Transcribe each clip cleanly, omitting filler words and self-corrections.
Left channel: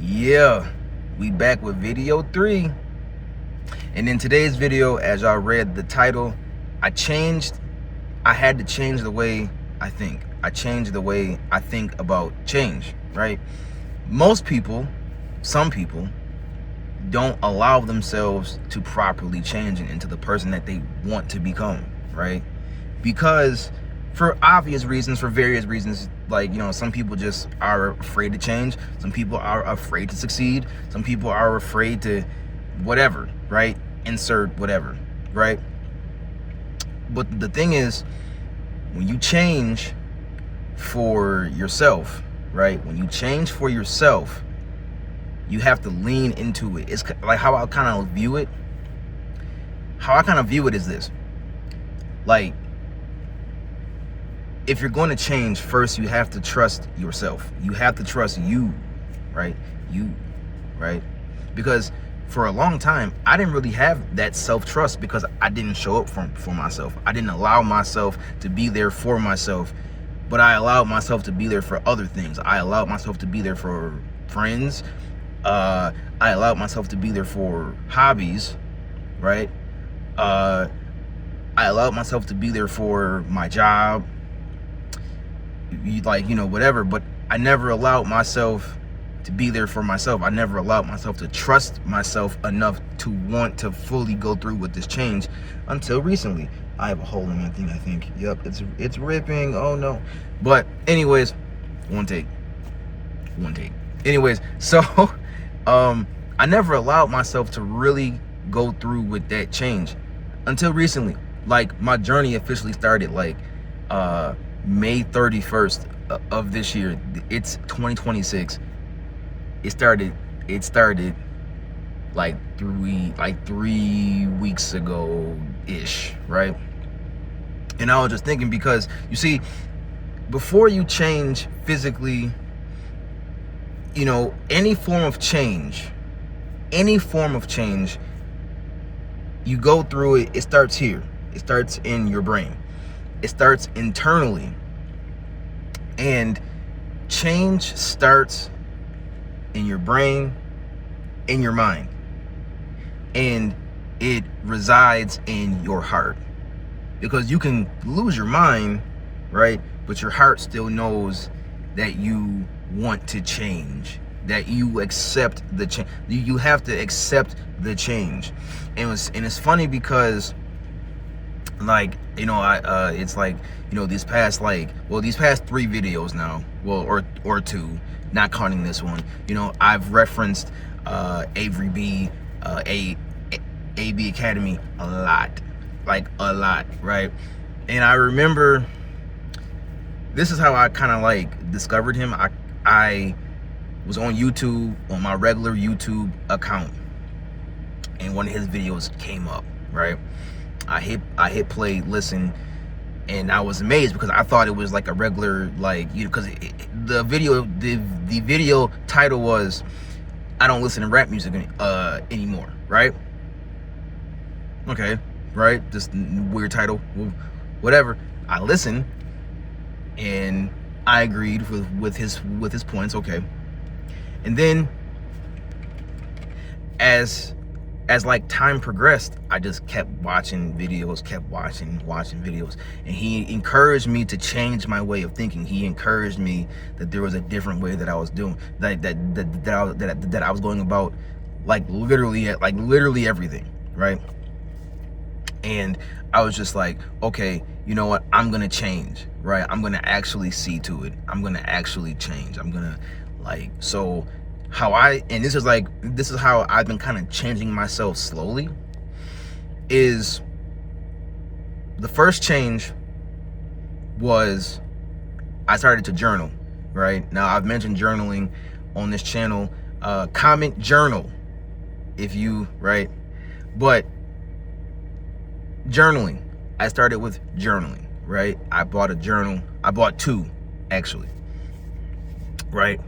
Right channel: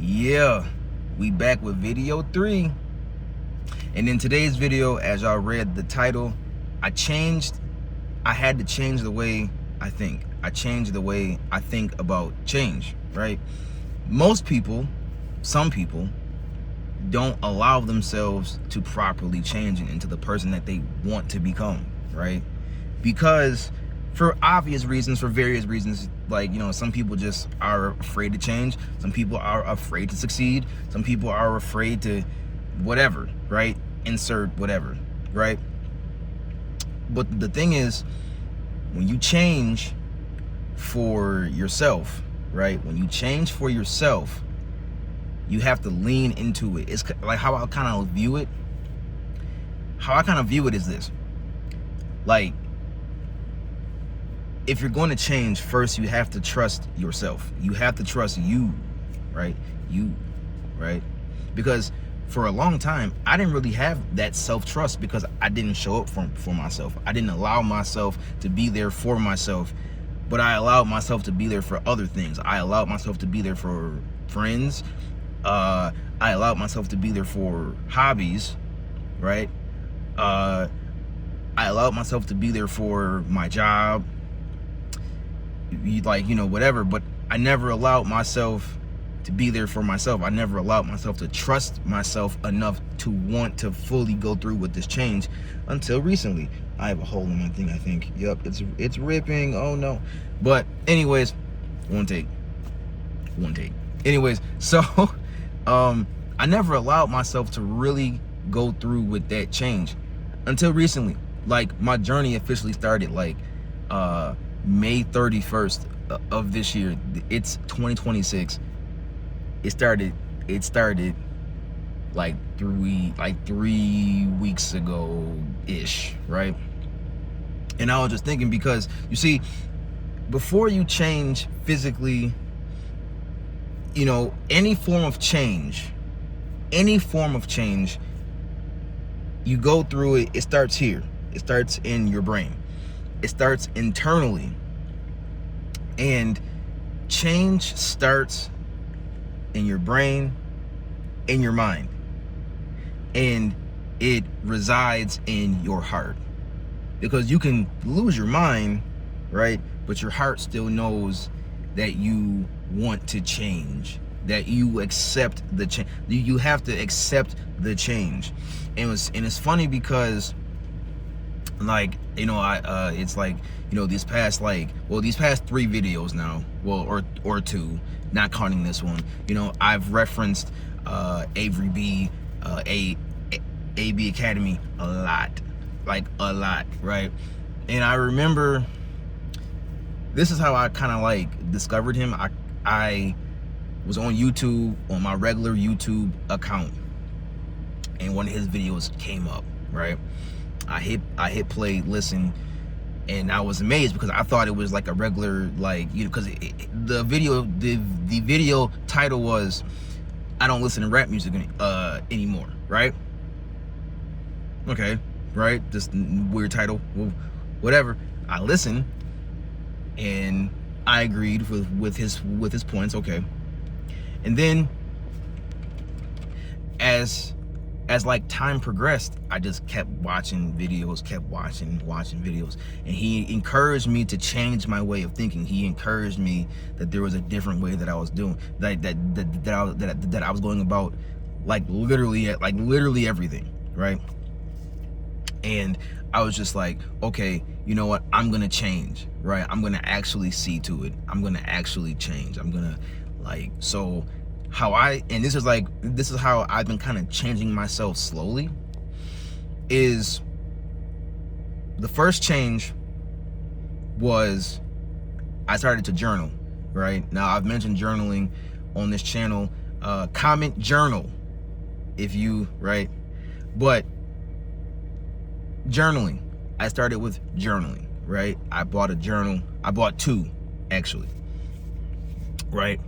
Yeah, we back with video 3. And in today's video, as y'all read the title, I had to change the way I think. I changed the way I think about change, right? Most people, some people, don't allow themselves to properly change into the person that they want to become, right? Because for obvious reasons, for various reasons, like, some people just are afraid to change. Some people are afraid to succeed. Some people are afraid to whatever, right? Insert whatever, right? But the thing is, when you change for yourself, right? When you change for yourself, you have to lean into it. It's like how I kind of view it. How I kind of view it is this. Like, if you're going to change, first you have to trust yourself. You have to trust you, right? You, right? Because for a long time, I didn't really have that self-trust because I didn't show up for myself. I didn't allow myself to be there for myself, but I allowed myself to be there for other things. I allowed myself to be there for friends. I allowed myself to be there for hobbies, right? I allowed myself to be there for my job, like, whatever. But I never allowed myself to be there for myself. I never allowed myself to trust myself enough to want to fully go through with this change until recently. I have a hole in that thing, I think. Yep, it's ripping. Oh no. But anyways, one take. Anyways, so I never allowed myself to really go through with that change until recently. Like, my journey officially started like May 31st of this year. It's 2026. It started like 3 weeks ago ish, right? And I was just thinking, because you see, before you change physically, any form of change, you go through it. It starts here. It starts in your brain. It starts internally. And change starts in your brain, in your mind. And it resides in your heart. Because you can lose your mind, right? But your heart still knows that you want to change, that you accept the change. You have to accept the change. And it's funny because, like, it's like, these past 3 videos now, well, or 2, not counting this one, I've referenced Avery B, AB Academy a lot, right? And I remember, this is how I kind of like discovered him. I was on YouTube, on my regular YouTube account, and one of his videos came up, right? I hit play, listen, and I was amazed because I thought it was like a regular, like, because the video title was, I don't listen to rap music anymore, right? Okay, right? Just weird title, well, whatever. I listened and I agreed with his points, okay. And then as like time progressed, I just kept watching videos, and he encouraged me to change my way of thinking. He encouraged me that there was a different way that I was doing, that I was going about, like literally everything, right? And I was just like, okay, you know what? I'm gonna change, right? I'm gonna actually see to it. I'm gonna actually change. I'm gonna, like, so this is how I've been kind of changing myself slowly. Is the first change was I started to journal, right? Now, I've mentioned journaling on this channel. Comment journal if you, right? But journaling, I started with journaling, right? I bought a journal. I bought 2, actually, right?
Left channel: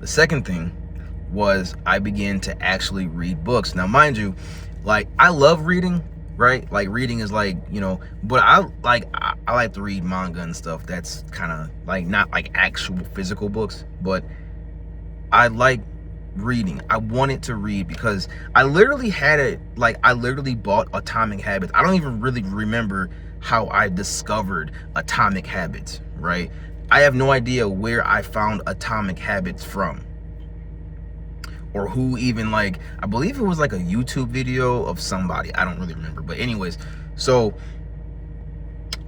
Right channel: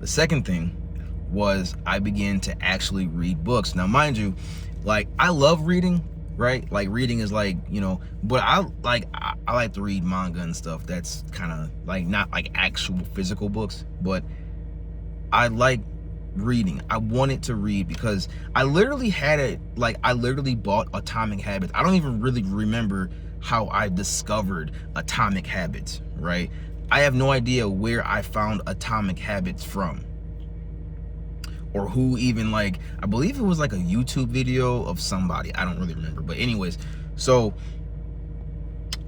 The second thing was I began to actually read books. Now, mind you, like, I love reading, right? Like, reading is like, but I like to read manga and stuff. That's kind of like, not like actual physical books, but I like reading. I wanted to read because I literally had it, like I literally bought Atomic Habits. I don't even really remember how I discovered Atomic Habits, right? I have no idea where I found Atomic Habits from, or who even, like, I believe it was like a YouTube video of somebody. I don't really remember. But anyways, so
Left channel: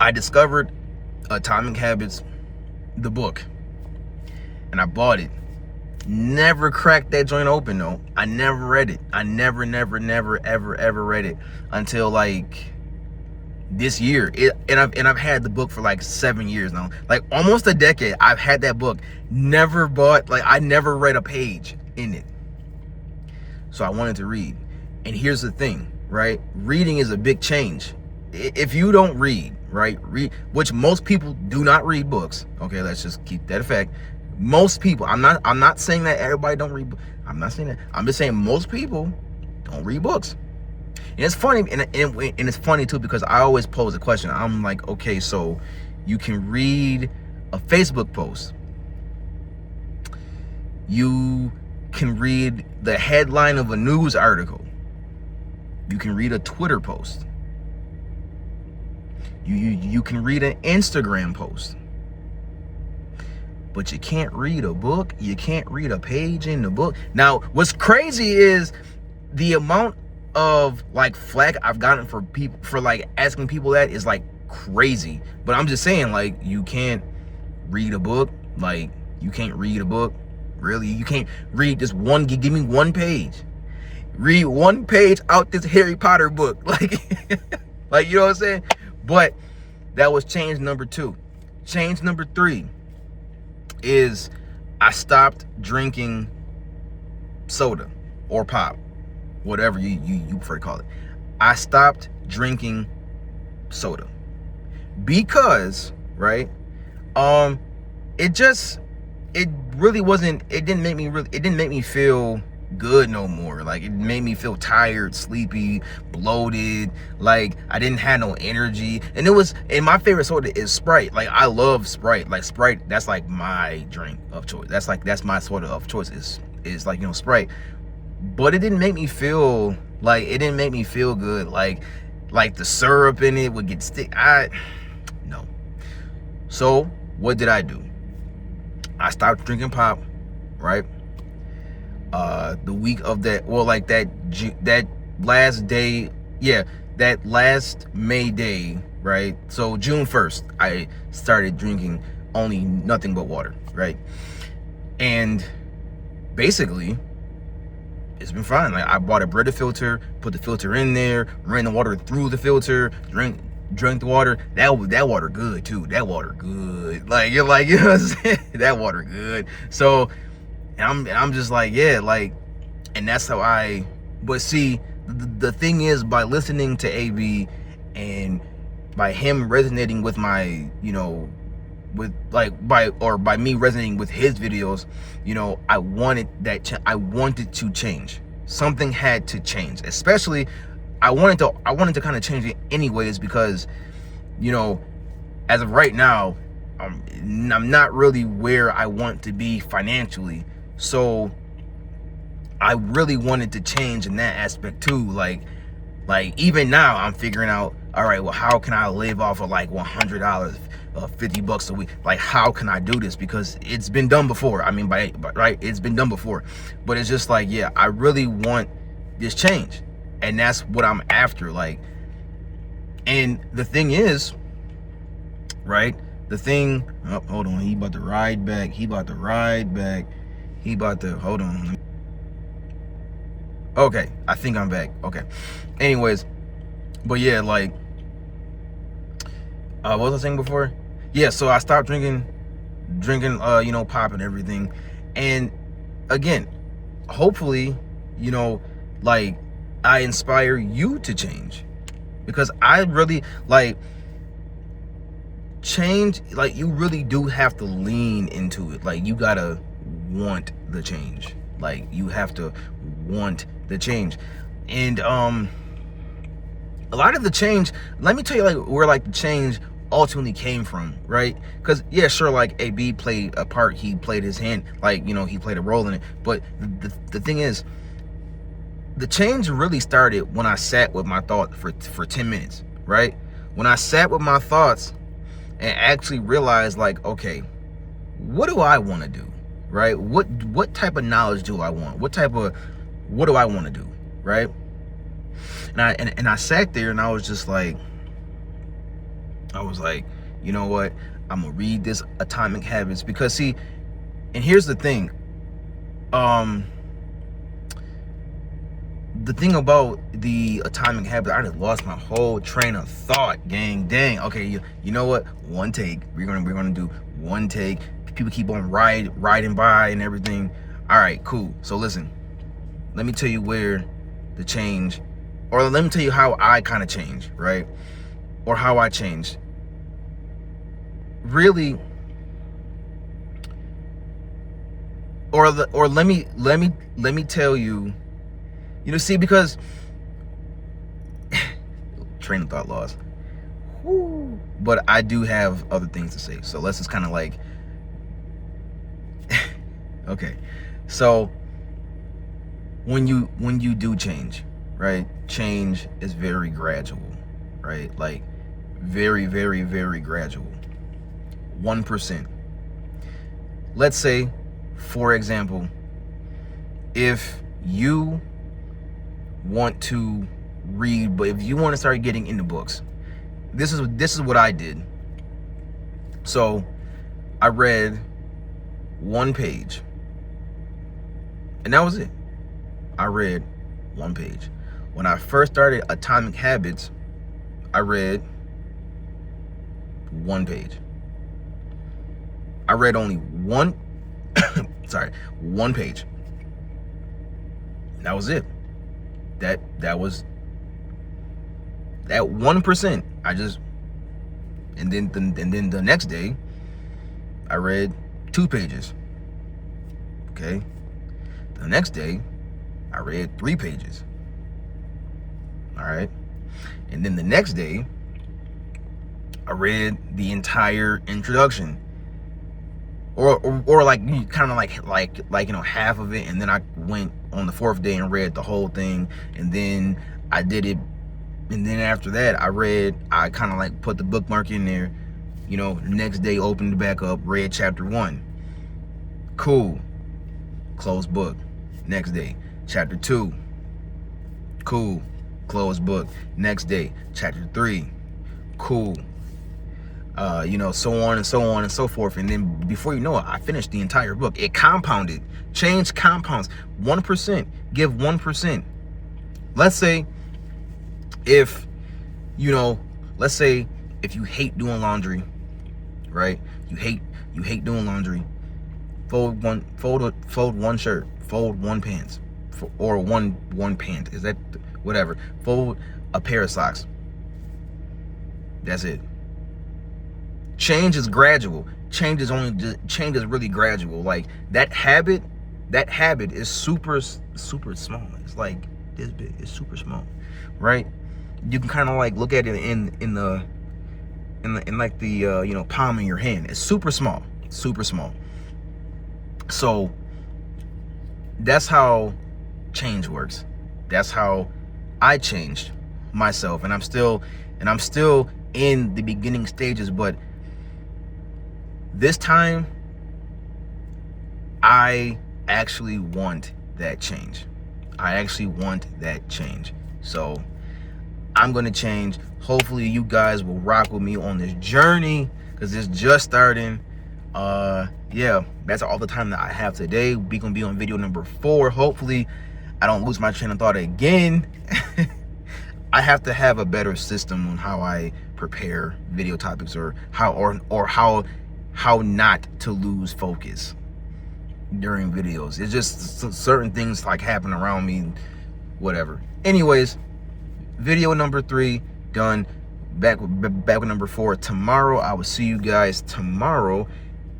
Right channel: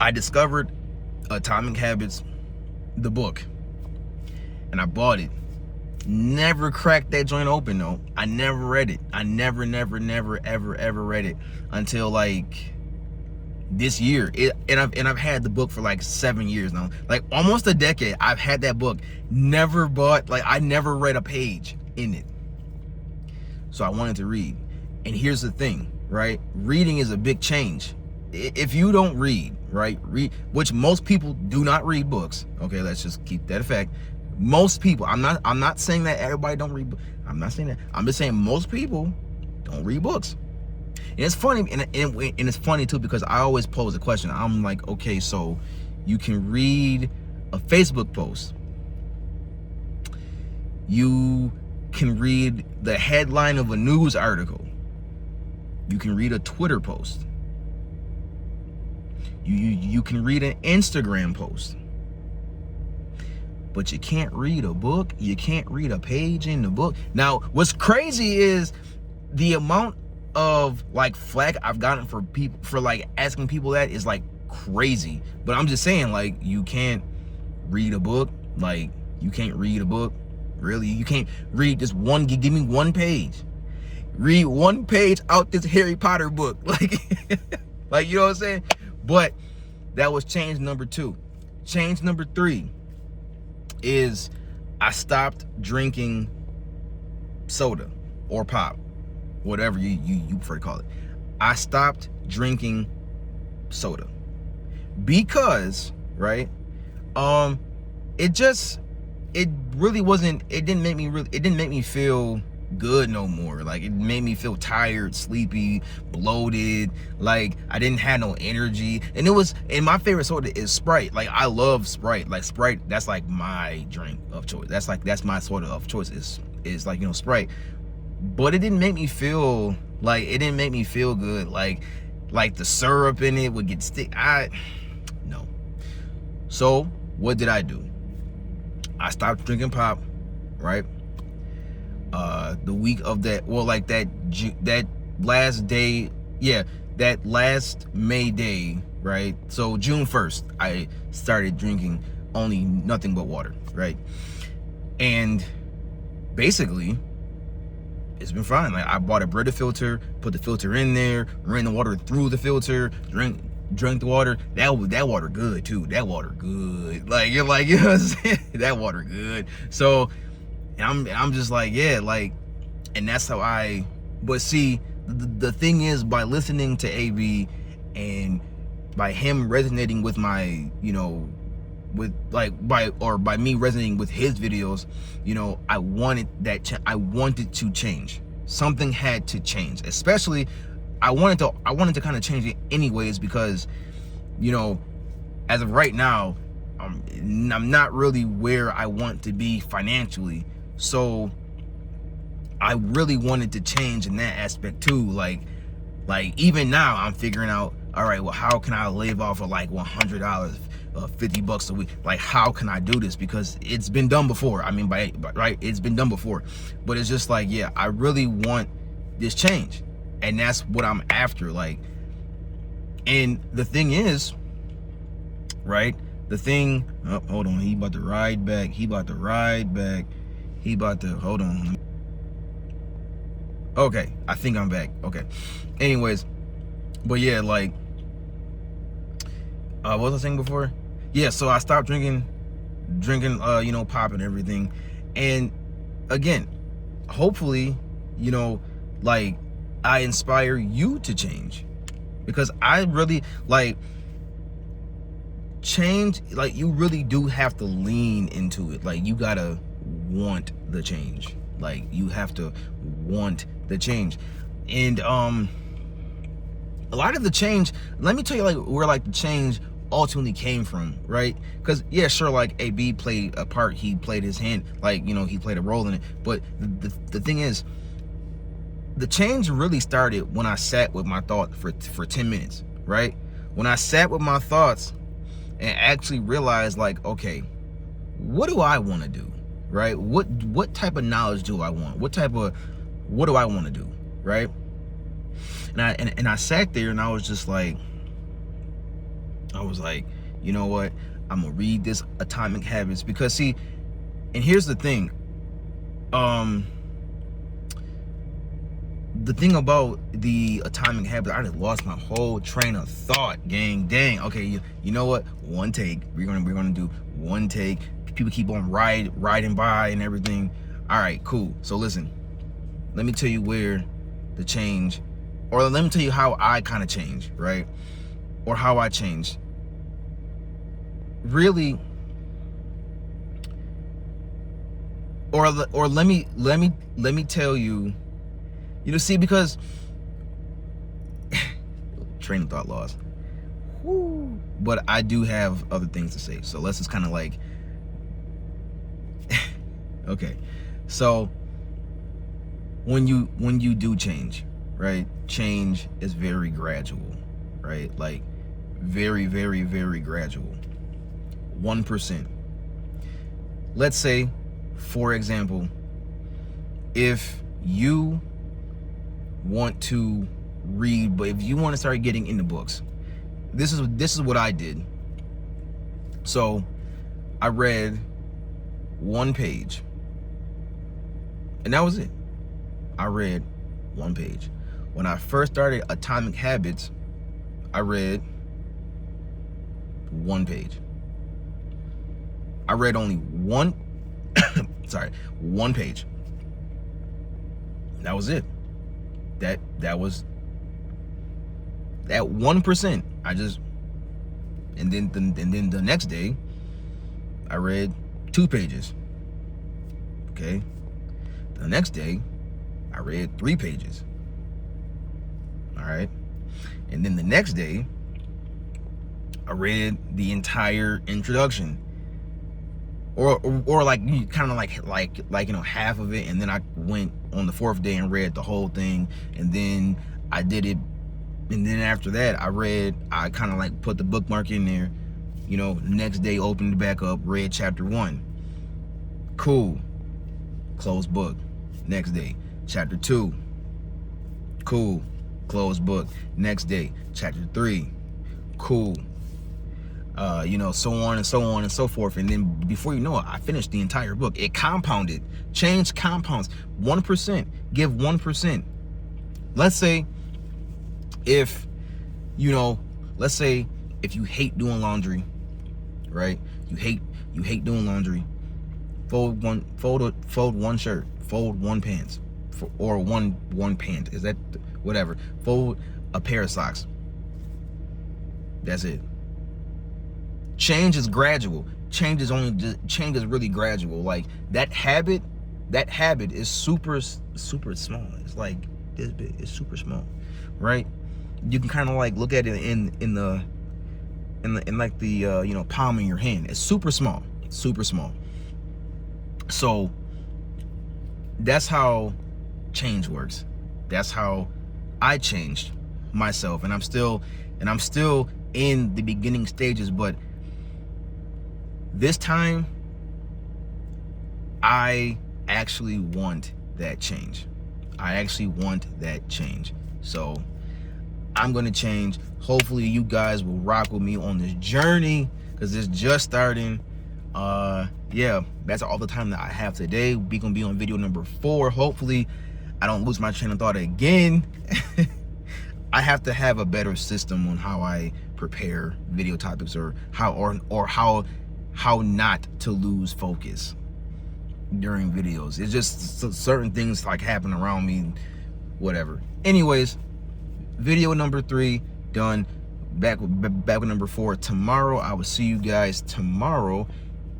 I discovered Atomic Habits, the book, and I bought it. Never cracked that joint open though. I never read it. I never ever read it until like this year. And I've had the book for like 7 years now, like almost a decade. I've had that book. Never bought, like I never read a page in it. So I wanted to read. And here's the thing, right? Reading is a big change. If you don't read, right? Which most people do not read books. Okay, let's just keep that a fact. Most people, I'm not saying that everybody don't read books. I'm not saying that. I'm just saying most people don't read books. And it's funny, and it's funny too, because I always pose a question. I'm like, okay, so you can read a Facebook post. You can read the headline of a news article. You can read a Twitter post. You can read an Instagram post. But you can't read a book. You can't read a page in the book. Now, what's crazy is the amount of like flack I've gotten for people for like asking people that is like crazy. But I'm just saying, like, you can't read a book. Like, you can't read a book. Really? You can't read just one, give me one page. Read one page out this Harry Potter book. Like, like, you know what I'm saying? But that was change number 2. Change number 3 is I stopped drinking soda or pop, whatever you prefer to call it. I stopped drinking soda because, right, it really wasn't, it didn't make me feel good no more. Like, it made me feel tired, sleepy, bloated, like I didn't have no energy. And my favorite soda is Sprite. Like, I love Sprite. Like, Sprite, that's like my drink of choice. That's my soda of choice is like, you know, Sprite. But it didn't make me feel good. Like the syrup in it would get no. So what did I do? I stopped drinking pop, right? The week of that, well, like that last day, yeah, that last May day, right? So June 1st, I started drinking only nothing but water, right? And basically, it's been fine. Like, I bought a Brita filter, put the filter in there, ran the water through the filter, drank the water. That water good too. That water good. Like, you're like, you know what I'm saying? That water good. So I'm just like, yeah, like, and that's how but see, the thing is, by listening to AV and by him resonating with my, you know, with like by me resonating with his videos, you know, I wanted to change. Something had to change. Especially, I wanted to kind of change it anyways, because, you know, as of right now, I'm not really where I want to be financially. So I really wanted to change in that aspect too. Like even now I'm figuring out, all right, well, how can I live off of like $100, $50 a week? Like, how can I do this? Because it's been done before. I mean, right, it's been done before. But it's just like, yeah, I really want this change, and that's what I'm after. Like, and the thing is, right, hold on, he about to ride back. Hold on. Okay, I think I'm back. Okay. Anyways, but yeah, like, what was I saying before? Yeah, so I stopped drinking, you know, pop and everything. And again, hopefully, you know, like, I inspire you to change, because I really like change. Like, you really do have to lean into it. Like, you gotta want the change. Like, you have to want the change. And a lot of the change, let me tell you, like, where like the change ultimately came from, right? Because yeah, sure, like AB played a part, he played his hand, like, you know, he played a role in it, but the thing is, the change really started when I sat with my thought for 10 minutes, right? When I sat with my thoughts and actually realized, like, okay, what do I want to do, right? What type of knowledge do I want? What do I want to do, right? And I sat there and I was just like, you know what? I'm gonna read this Atomic Habits, because see, and here's the thing. The thing about the Atomic Habits, I just lost my whole train of thought, gang. Dang. Okay, you know what? One take. We're gonna do one take. People keep on riding by and everything. All right, cool. So listen, let me tell you where the change, or let me tell you how I kind of changed, right? Or how I changed. Really, or let me tell you. You know, see, because train of thought lost. Woo. But I do have other things to say. So let's just kind of like, okay. So when you do change, right? Change is very gradual, right? Like very, very, very gradual. 1%. Let's say, for example, if you want to read, but if you want to start getting into books, this is what I did. So I read one page, and that was it. I read one page. When I first started Atomic Habits, I read one page. I read only one one page. That was it. That was that 1%. I just, and then the next day I read 2 pages. Okay. The next day I read 3 pages. All right. And then the next day I read the entire introduction. Or like kind of like you know, half of it, and then I went on the 4th day and read the whole thing, and then I did it, and then after that I kind of like put the bookmark in there, you know. The next day opened it back up, read chapter 1, cool, closed book. Next day chapter 2, cool, closed book. Next day chapter 3, cool. You know, so on and so on and so forth. And then before you know it, I finished the entire book. It compounded. Change compounds. 1%. Give 1%. Let's say if, you know, let's say if you hate doing laundry, right? You hate doing laundry. Fold one shirt. Fold one pants. Or one pant. Is that whatever? Fold a pair of socks. That's it. Change is gradual. Change is really gradual. Like that habit is super small. It's like this big. It's super small, right? You can kind of like look at it in like the you know, palm of your hand. It's super small, super small. So that's how change works. That's how I changed myself, and I'm still in the beginning stages, but this time, I actually want that change. I actually want that change. So I'm going to change. Hopefully you guys will rock with me on this journey, because it's just starting. Yeah, that's all the time that I have today. We're going to be on video number 4. Hopefully I don't lose my train of thought again. I have to have a better system on how I prepare video topics, or how not to lose focus during videos. It's just certain things like happen around me, whatever. Anyways, video number 3 done. Back with number 4 tomorrow. I will see you guys tomorrow,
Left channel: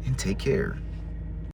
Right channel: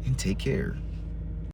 and take care.